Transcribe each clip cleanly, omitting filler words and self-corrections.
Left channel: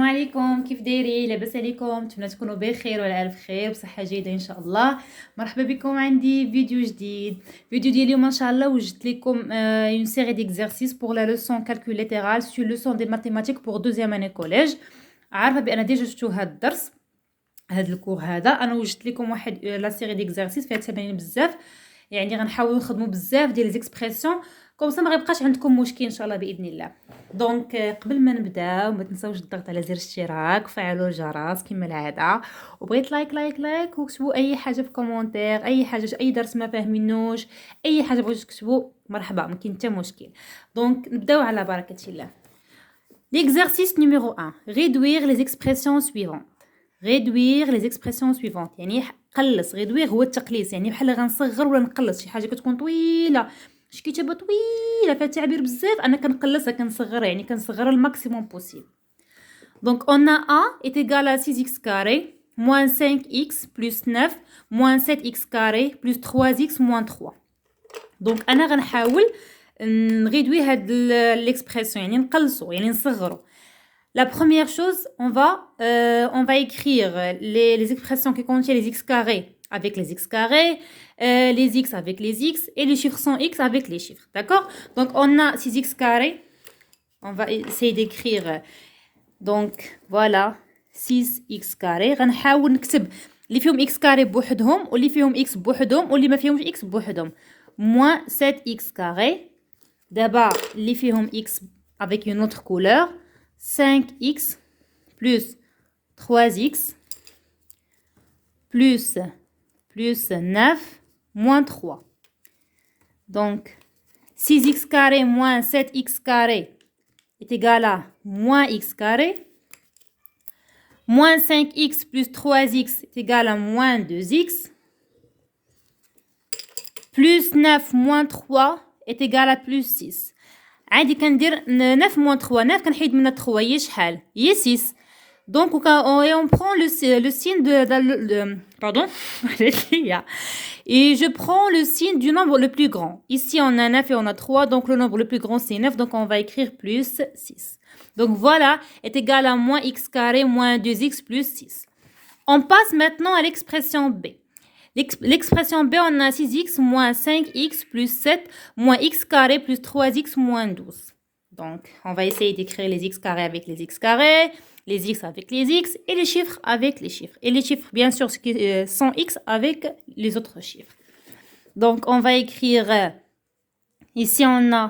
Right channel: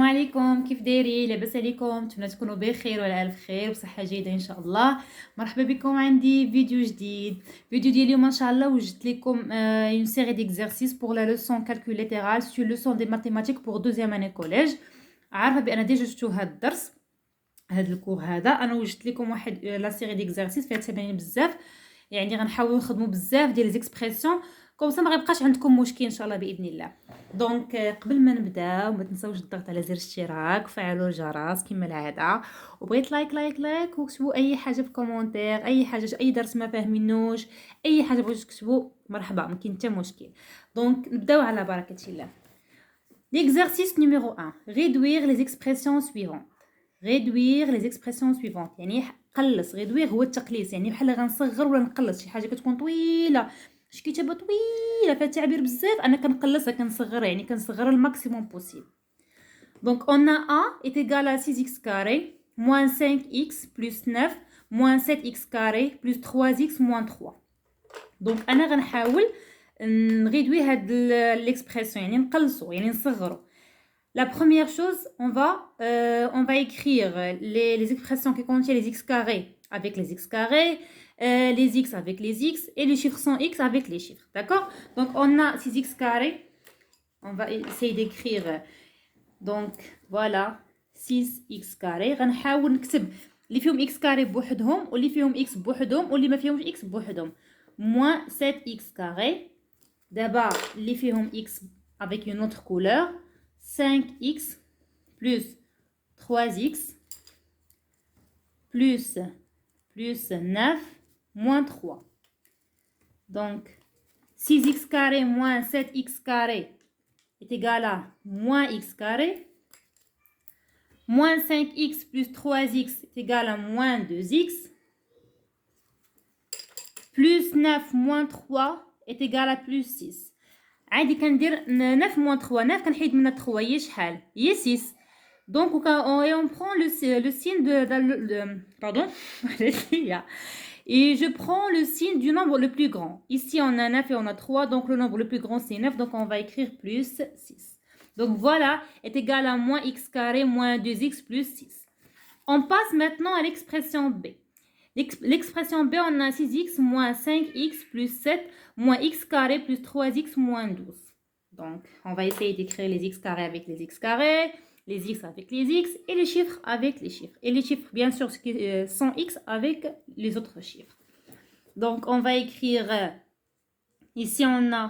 السلام عليكم، كيف دايرين؟ لاباس عليكم؟ نتمنى تكونوا بخير وعلى الف خير وصحه جيده ان شاء الله. مرحبا بكم عندي فيديو جديد. فيديو ديال اليوم ان شاء الله وجدت لكم اون سيري ديكزارسيس بور لا لوسون كالكول ليترال سور لوسون دي ماتيماتيك بور دوزيام اني كوليج. عارفه بان ديجا شفتوا هذا الدرس، هذا الكور هذا. انا وجدت لكم واحد لا سيري ديكزارسيس فيها تمارين بزاف، يعني غنحاولوا نخدموا بزاف ديال ليزيكسبرسيون كوم سا ما غيبقاش عندكم مشكل ان شاء الله باذن الله. دونك قبل ما نبداو ما تنساوش الضغط على زر الاشتراك وفعلوا الجرس كما العاده، وبغيت لايك وكتبوا اي حاجه في كومونتير، اي حاجه، اي درس ما فاهمينوش، اي حاجه بغيتو تكتبوا مرحبا، ما كاين حتى مشكل. دونك نبداو على بركه الله. L'exercice numéro 1. Réduire les expressions suivantes. Réduire les expressions suivantes. يعني قلص. réduire هو التقليص، يعني بحال غنصغر ولا نقلص شي حاجه كتكون طويله، شي كتابه طويله فيها تعبير بزاف، انا كنقلصها كنصغرها، يعني كنصغرها الماكسيموم بوسيبل. Donc on a a est égal à 6x carré moins 5x plus 9 moins 7x carré plus 3x moins 3. Donc انا غنحاول نغيدوي هاد l'expression، يعني نقلصو يعني نصغرو. La première chose, on va écrire les expressions qui contiennent les x carrés avec les x carrés, les x avec les x et les chiffres sans x avec les chiffres. D'accord? Donc, on a 6x carrés. On va essayer d'écrire. Donc, voilà, 6x carrés. غنحاول نكتب اللي فيهم x carré بوحدهم واللي فيهم x بوحدهم واللي ما فيهمش x بوحدهم. Moins 7x carré. D'abord, اللي فيهم x avec une autre couleur. 5x plus 3x plus 9 moins 3. Donc, 6x carré moins 7x carré est égal à moins x carré. Moins 5x plus 3x est égal à moins 2x. Plus 9 moins 3 est égal à plus 6. عادي كندير 9 moins 3. 9 كنحيد منها 3 هي شحال؟ هي 6. Donc on prend le signe pardon. Et je prends le signe du nombre le plus grand. Ici on a 9 et on a 3, donc le nombre le plus grand c'est 9, donc on va écrire plus 6. Donc voilà est égal à moins x carré moins 2x plus 6. On passe maintenant à l'expression B. L'expression B, on a 6x moins 5x plus 7 moins x carré plus 3x moins 12. Donc, on va essayer d'écrire les x carrés avec les x carrés, les x avec les x et les chiffres avec les chiffres. Et les chiffres, bien sûr, sans x avec les autres chiffres. Donc, on va écrire, ici, on a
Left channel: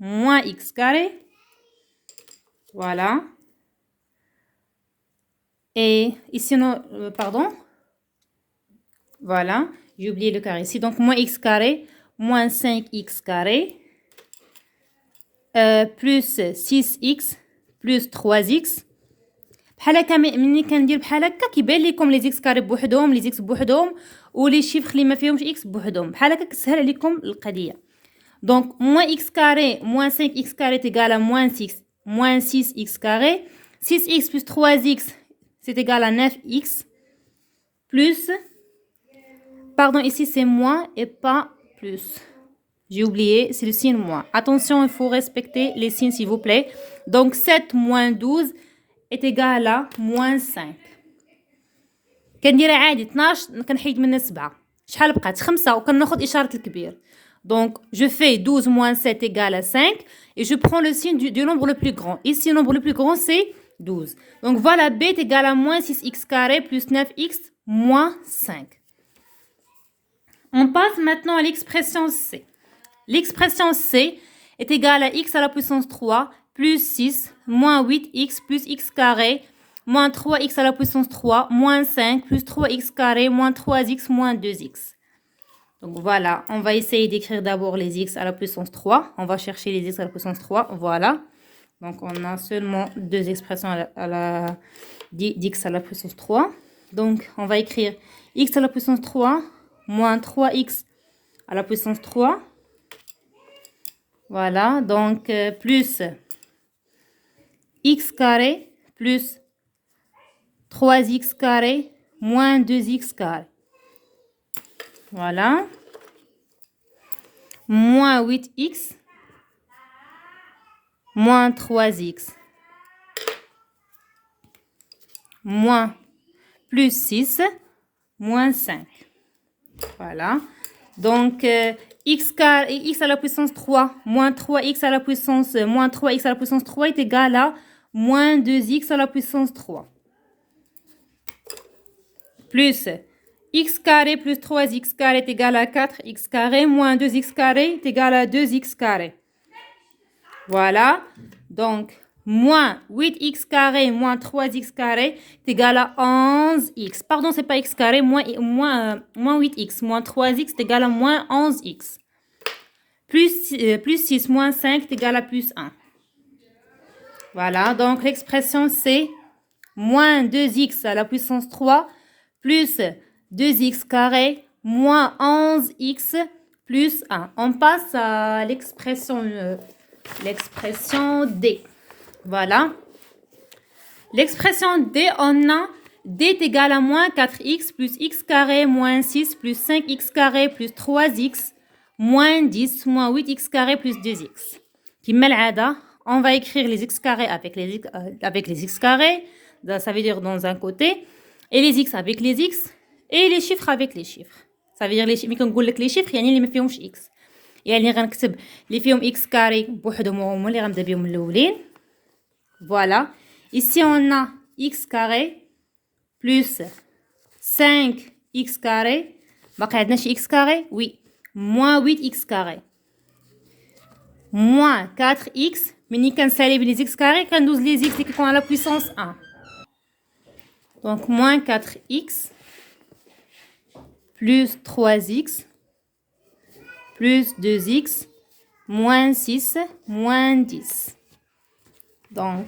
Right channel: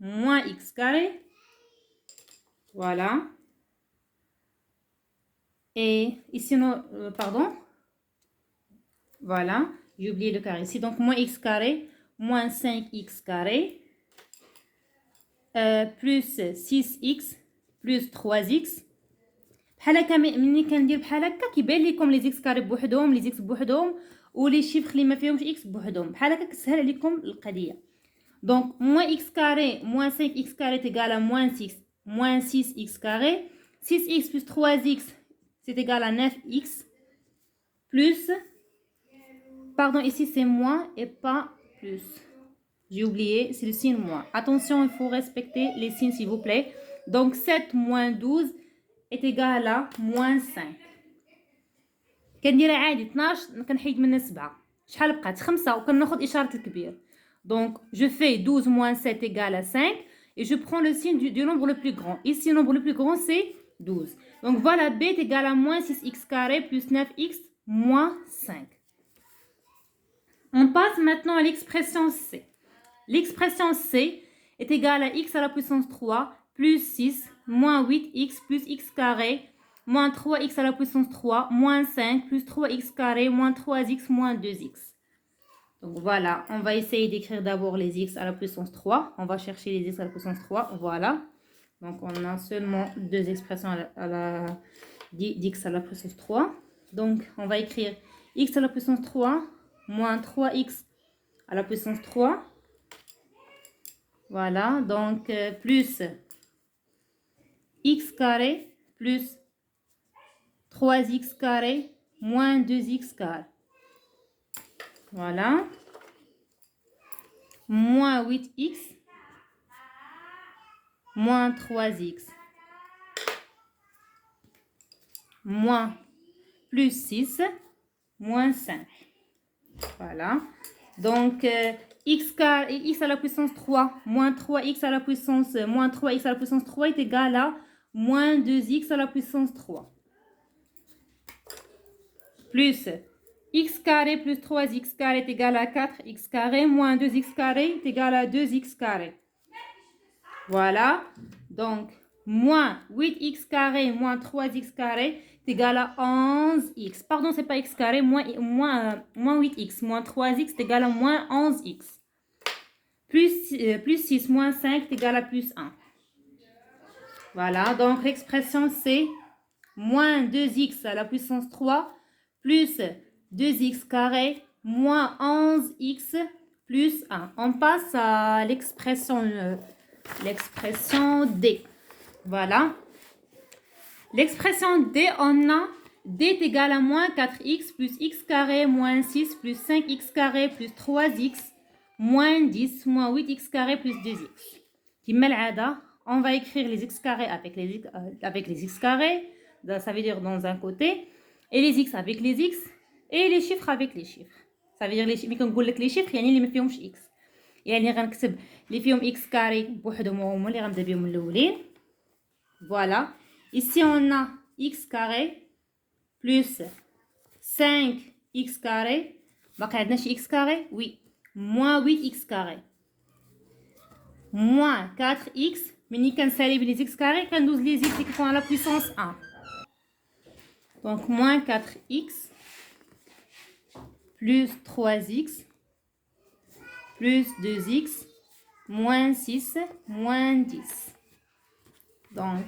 moins x carré. Voilà. Et ici, pardon. Voilà, j'ai oublié le carré ici. Donc, moins x carré, moins 5x carré, plus 6x, plus 3x. بحال هكا ملي كندير بحال هكا كيبان لكم لي زيكس كاري بوحدهم، لي زيكس بوحدهم ولي شيفر اللي ما فيهمش اكس بوحدهم، بحال هكا كتسهل عليكم القضيه. دونك moins x carré moins 5x carré est égal à moins 6x carré. 6x plus 3x c'est égal à 9x plus, pardon, ici c'est moins et pas plus. J'ai oublié, c'est le signe moins. Attention, il faut respecter les signes s'il vous plaît. Donc 7 moins 12 est égal à moins 5. كنديرها عادي 12 كنحيد منها 7. شحال بقات 5 وكناخذ إشارة الكبير. Donc je fais 12 moins 7 égale à 5 et je prends le signe du nombre le plus grand. Ici le nombre le plus grand c'est 12. Donc voilà, B est égal à moins 6x carré plus 9x moins 5. On passe maintenant à l'expression C. L'expression C est égale à x à la puissance 3 plus 6 moins 8x plus x carré moins 3x à la puissance 3 moins 5 plus 3x carré moins 3x moins 2x. Donc voilà, on va essayer d'écrire d'abord les x à la puissance 3. On va chercher les x à la puissance 3. Voilà. Donc on a seulement deux expressions d'x à la puissance 3. Donc on va écrire x à la puissance 3 moins 3x à la puissance 3. Voilà, donc plus x carré plus 3x carré moins 2x carré. Voilà. Moins 8x moins 3x moins plus 6 moins 5. Voilà. Donc, x à la puissance 3 moins 3x à la puissance moins 3x à la puissance 3 est égal à moins 2x à la puissance 3. Plus x carré plus 3x carré est égal à 4x carré moins 2x carré est égal à 2x carré. Voilà. Donc, moins 8x carré moins 3x carré est égal à 11x. Pardon, c'est pas x carré, moins 8x moins 3x est égal à moins 11x. Plus 6 moins 5 est égal à plus 1. Voilà, donc l'expression c'est moins 2x à la puissance 3 plus 2x carré moins 11x plus 1. On passe à l'expression D. Voilà. L'expression D, on a D est égal à moins 4x plus x carré moins 6 plus 5x carré plus 3x moins 10 moins 8x carré plus 2x. Comme العادة, on va écrire les x carrés avec les x carrés. Ça veut dire dans un côté. Et les x avec les x. Et les chiffres avec les chiffres. Ça veut dire les chiffres. كنقول لك les chiffres يعني اللي ما فيهمش x. يعني غنكتب اللي فيهم x carré بوحدهم هما اللي غنبدا بهم الاولين. Voilà. Ici on a x carré plus 5x carré. باقي عندنا شي x carré. Oui. Moins 8x carré. Moins 4x. ملي كنسالي les x carré كندوز les x اللي كيكونوا على puissance 1. Donc moins 4x plus 3x plus 2x moins 6 moins 10. Donc,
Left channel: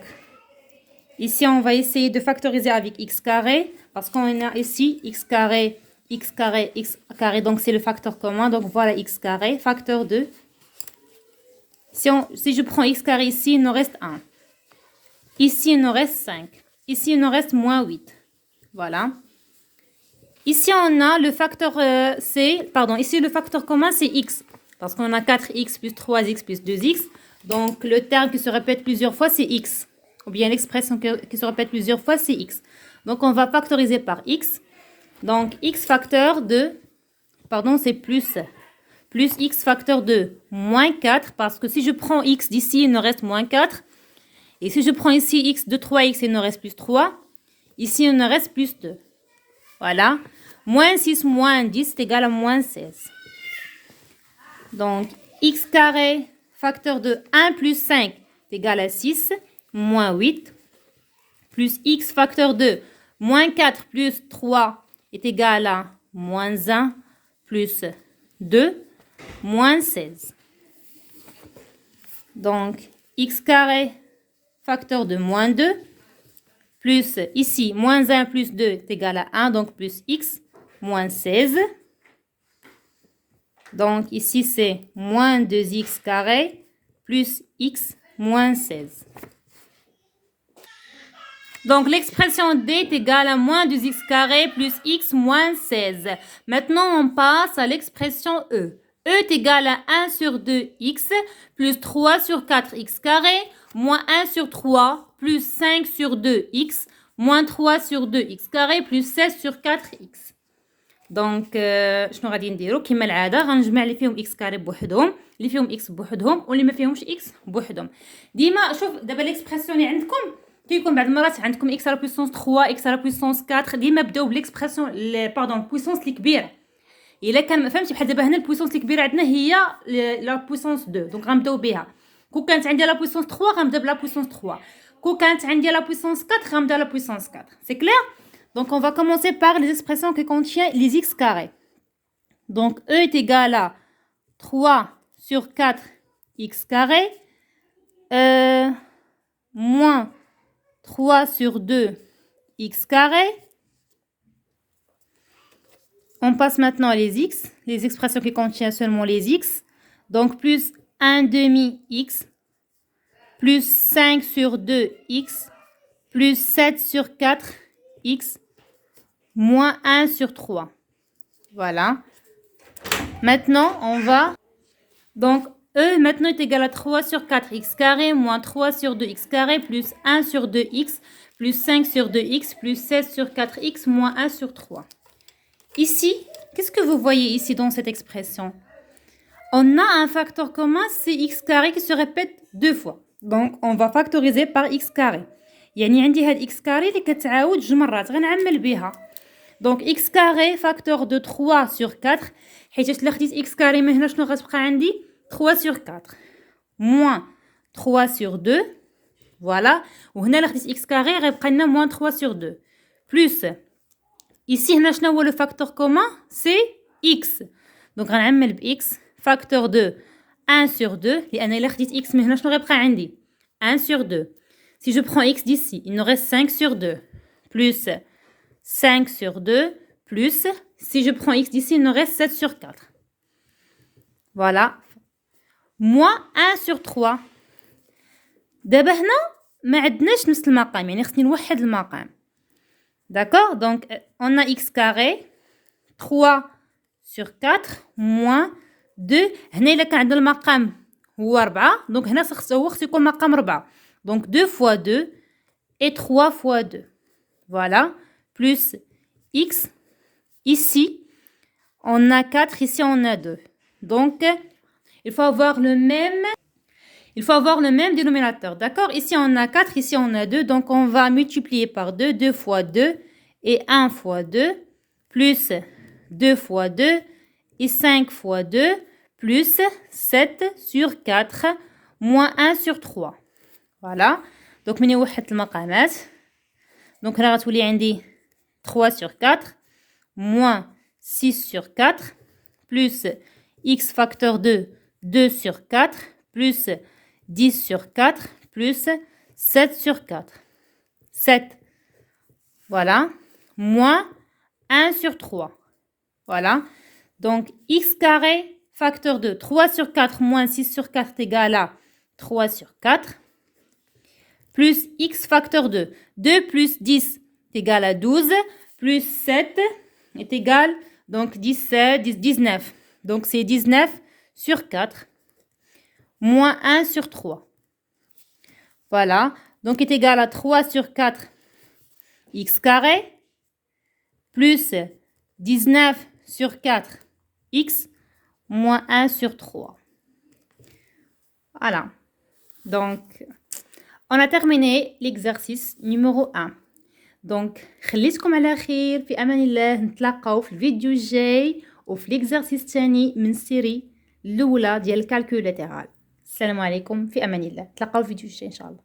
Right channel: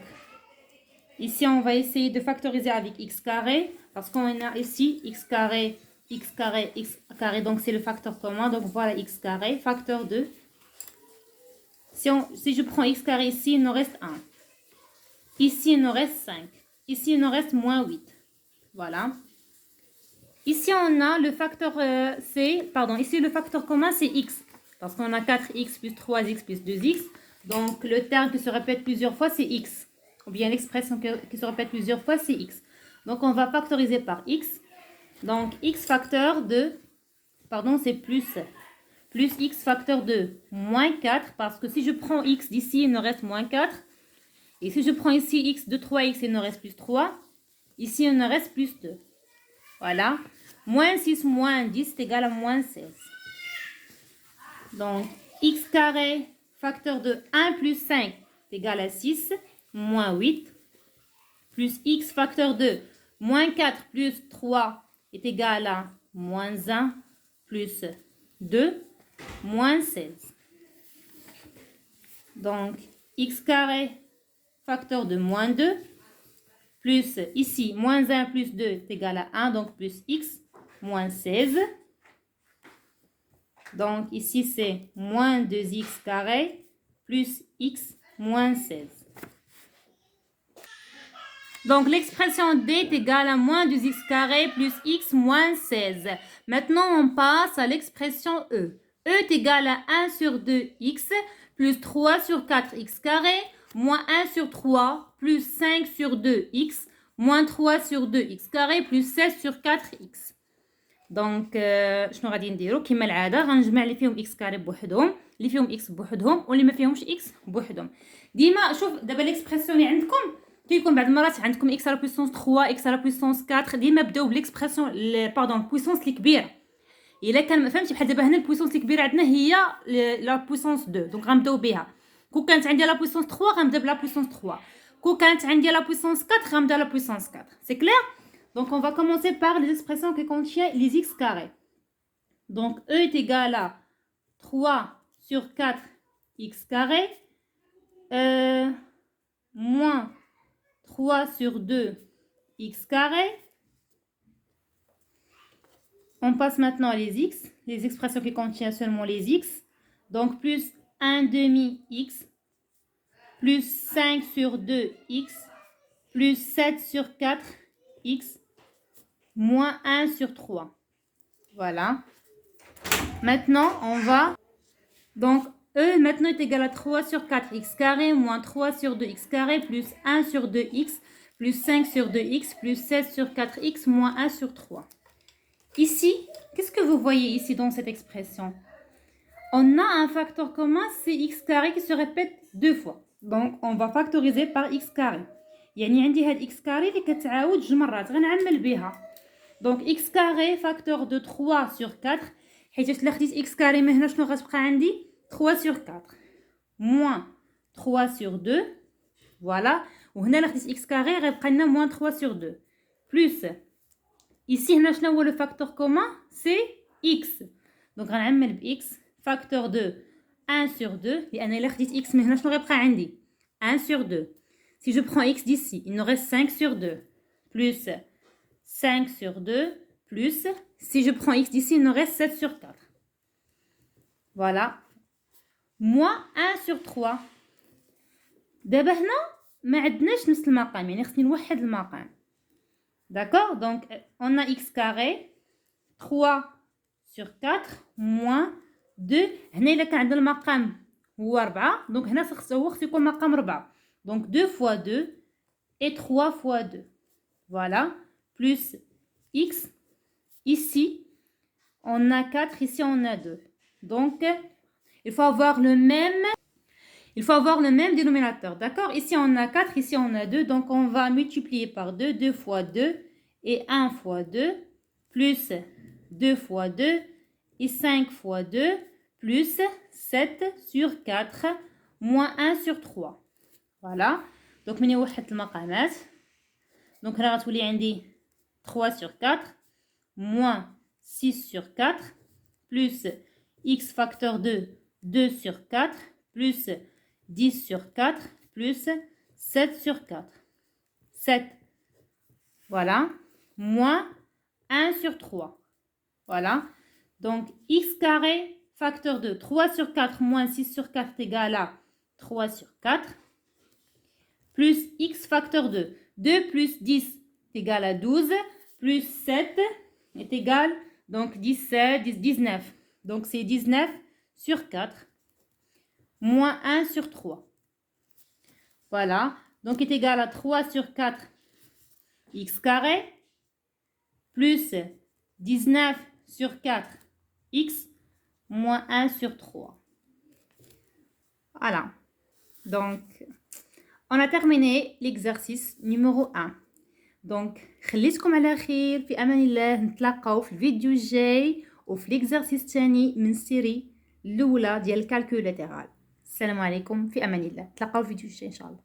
ici, on va essayer de factoriser avec x carré parce qu'on a ici x carré, x carré, x carré. Donc, c'est le facteur commun. Donc, voilà x carré, facteur 2. Si je prends x carré ici, il nous reste 1. Ici, il nous reste 5. Ici, il nous reste moins 8. Voilà. Ici, on a le facteur ici, le facteur commun, c'est x. Parce qu'on a 4x plus 3x plus 2x. Donc, le terme qui se répète plusieurs fois, c'est x. Ou bien l'expression qui se répète plusieurs fois, c'est x. Donc, on va factoriser par x. Donc, x facteur de, c'est plus x facteur de moins 4. Parce que si je prends x d'ici, il nous reste moins 4. Et si je prends ici x de 3x, il nous reste plus 3. Ici, il nous reste plus 2. Voilà. Moins 6 moins 10 est égal à moins 16. Donc, x carré facteur de 1 plus 5 est égal à 6, moins 8, plus x facteur de moins 4 plus 3 est égal à moins 1, plus 2, moins 16. Donc, x carré facteur de moins 2, plus ici, moins 1 plus 2 est égal à 1, donc plus x, moins 16. Donc, ici, c'est moins 2x carré plus x moins 16. Donc, l'expression D est égale à moins 2x carré plus x moins 16. Maintenant, on passe à l'expression E. E est égal à 1 sur 2x plus 3 sur 4x carré moins 1 sur 3 plus 5 sur 2x moins 3 sur 2x carré plus 16 sur 4x. دونك شنو غادي نديرو كما العاده غنجمع اللي فيهم اكس كاري بوحدهم اللي فيهم اكس بوحدهم واللي ما فيهمش اكس بوحدهم. ديما شوف دابا ليكسبرسيون اللي عندكم كيكون بعض المرات عندكم اكس على بويسونس 3 اكس على بويسونس 4 ديما بداو بليكسبرسيون بويسونس اللي كبيره. الا كان ما فهمتش بحال دابا هنا البويسونس اللي كبيره عندنا هي لا بويسونس 2 دونك غنبداو بها. كون كانت عندي لا بويسونس 3 غنبدا بلا بويسونس 3. كون كانت عندي لا بويسونس 4 غنبدا لا بويسونس 4. سي كلير. Donc, on va commencer par les expressions qui contiennent les x carrés. Donc, E est égal à 3 sur 4 x carré moins 3 sur 2 x carré. On passe maintenant à les expressions qui contiennent seulement les x. Donc, plus 1 demi x plus 5 sur 2 x plus 7 sur 4 x moins 1 sur 3. Voilà. Maintenant, on va... Donc, E maintenant est égal à 3 sur 4x carré moins 3 sur 2x carré plus 1 sur 2x plus 5 sur 2x plus 16 sur 4x moins 1 sur 3. Ici, qu'est-ce que vous voyez ici dans cette expression? On a un facteur commun, c'est x carré qui se répète deux fois. Donc, on va factoriser par x carré. يعني عندي هاد x carré اللي كتعاود جوج مرات غنعمل بها. Donc, x carré facteur de 3 sur 4. حيت إلا خديت x carré من هنا شنو غتبقى عندي 3 sur 4 moins 3 sur 2. Voilà. وهنا إلا خديت x carré غيبقى لنا moins 3 sur 2. Plus ici هنا شنو هو le facteur commun? C'est x. Donc غنعمل ب x facteur de 1 sur 2 لأن إلا خديت x من هنا شنو غيبقى عندي 1 sur 2. Si je prends x d'ici, il nous reste 5 sur 2 plus 5 sur 2 plus, si je prends x d'ici, il nous reste 7 sur 4. Voilà. Moins 1 sur 3. دابا هنا ما عندناش نفس المقام يعني خصني نوحد المقام. D'accord? Donc on a x carré 3 sur 4 moins 2. هنا إلا كان عندنا المقام هو 4 donc هنا هو خصو يكون مقام 4. Donc 2 fois 2 et 3 fois 2. Voilà. Plus x. Ici, on a 4. Ici, on a 2. Donc, il faut avoir le même dénominateur. D'accord? Ici, on a 4. Ici, on a 2. Donc, on va multiplier par 2. 2 fois 2 et 1 fois 2. Plus 2 fois 2 et 5 fois 2. Plus 7 sur 4 moins 1 sur 3. Voilà. Donc, من يوحد المقامات. Donc, هنا غتولي عندي 3 sur 4 moins 6 sur 4 plus x facteur 2, 2 sur 4 plus 10 sur 4 plus 7 sur 4. 7. Voilà. Moins 1 sur 3. Voilà. Donc, x carré facteur 2, 3 sur 4 moins 6 sur 4 égale à 3 sur 4. Plus x facteur 2. 2 plus 10 est égal à 12. Plus 7 est égal, donc 17, 19. Donc c'est 19 sur 4. Moins 1 sur 3. Voilà. Donc est égal à 3 sur 4 x carré. Plus 19 sur 4 x moins 1 sur 3. Voilà. Donc... on a terminé l'exercice numéro 1. دونك خليتكم على خير في امان الله. نتلاقاو في الفيديو الجاي وفي ليكزارسيس الثاني من السيري الاولى ديال الكالكول لاترال. السلام عليكم في امان الله. نتلاقاو في الفيديو الجاي ان شاء الله.